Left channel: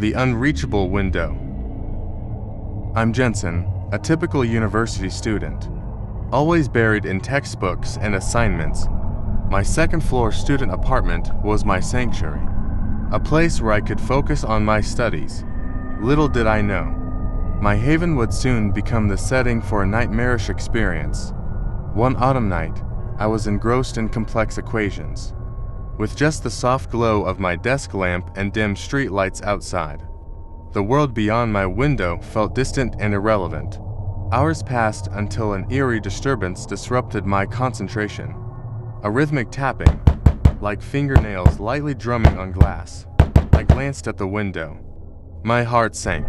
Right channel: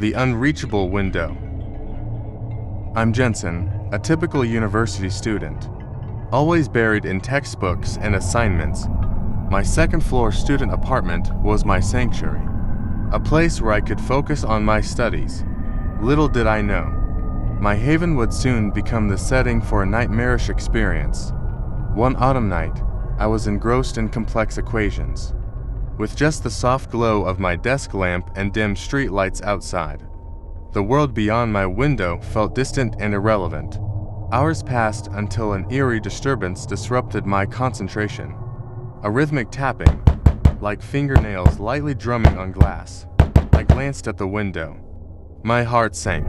The Unreachable Window. I'm Jensen, a typical university student, always buried in textbooks and assignments. My second-floor student apartment was my sanctuary, a place where I could focus on my studies. Little did I know, my haven would soon become the setting for a nightmarish experience. One autumn night, I was engrossed in complex equations, with just the soft glow of my desk lamp and dim street lights outside. The world beyond my window felt distant and irrelevant. Hours passed until an eerie disturbance disrupted my concentration. A rhythmic tapping, like fingernails lightly drumming on glass. I glanced at the window. My heart sank.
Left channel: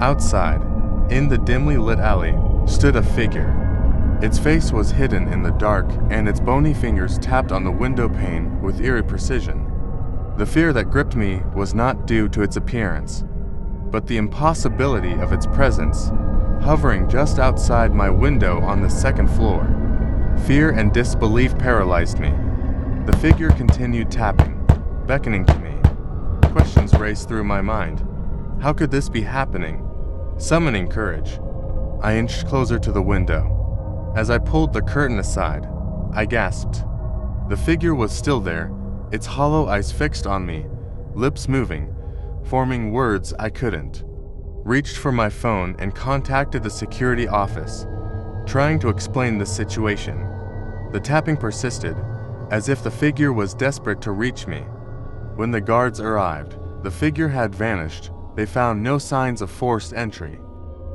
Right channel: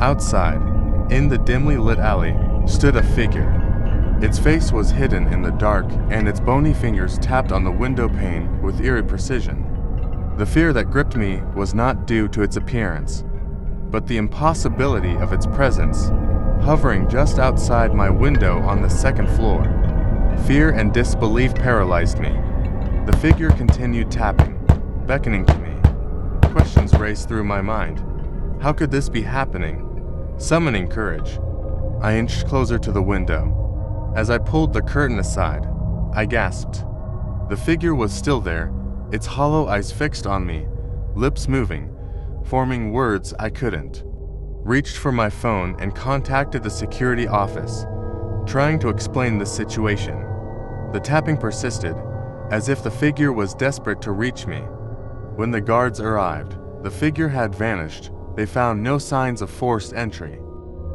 Outside, in the dimly lit alley, stood a figure. Its face was hidden in the dark, and its bony fingers tapped on the window pane with eerie precision. The fear that gripped me was not due to its appearance, but the impossibility of its presence, hovering just outside my window on the second floor. Fear and disbelief paralyzed me. The figure continued tapping, beckoning to me. Questions raced through my mind. How could this be happening? Summoning courage, I inched closer to the window. As I pulled the curtain aside, I gasped. The figure was still there, its hollow eyes fixed on me, lips moving, forming words I couldn't. Reached for my phone and contacted the security office, trying to explain the situation. The tapping persisted, as if the figure was desperate to reach me. When the guards arrived, the figure had vanished. They found no signs of forced entry,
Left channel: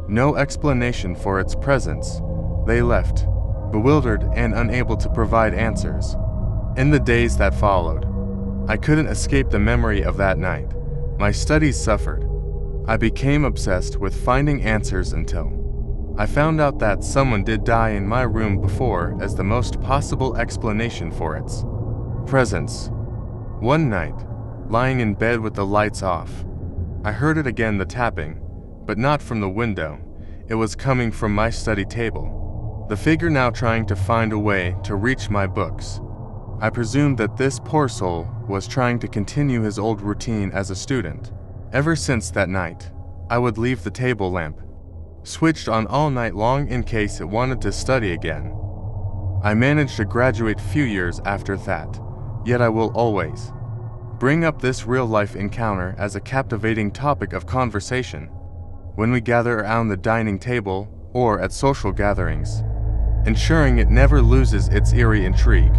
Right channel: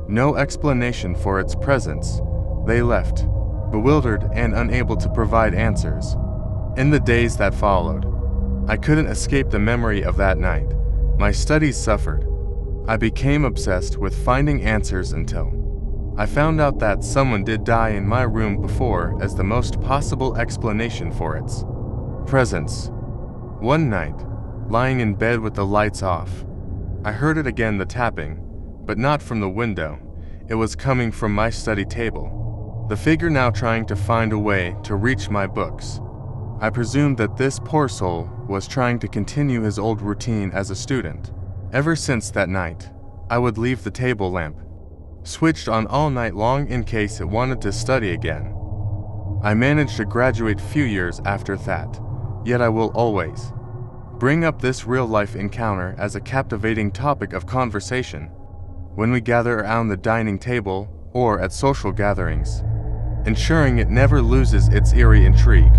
no explanation for its presence. They left, bewildered and unable to provide answers. In the days that followed, I couldn't escape the memory of that night. My studies suffered. I became obsessed with finding answers until I found out that someone did die in my room before as the most possible explanation for its presence. One night, lying in bed with the lights off, I heard it again, the tapping, but not from the window. It was coming from my study table. The figure now trying to find a way to reach my books. I presumed that this poor soul was trying to continue his old routine as a student. Ever since that night, I would leave the table lamp switched on all night long in case it wanted to study again. I managed to graduate few years after that, yet I will always bring up this real-life encounter as a captivating topic of conversation when we gather around the dining table or at social gatherings, ensuring it never loses its eerie intrigue.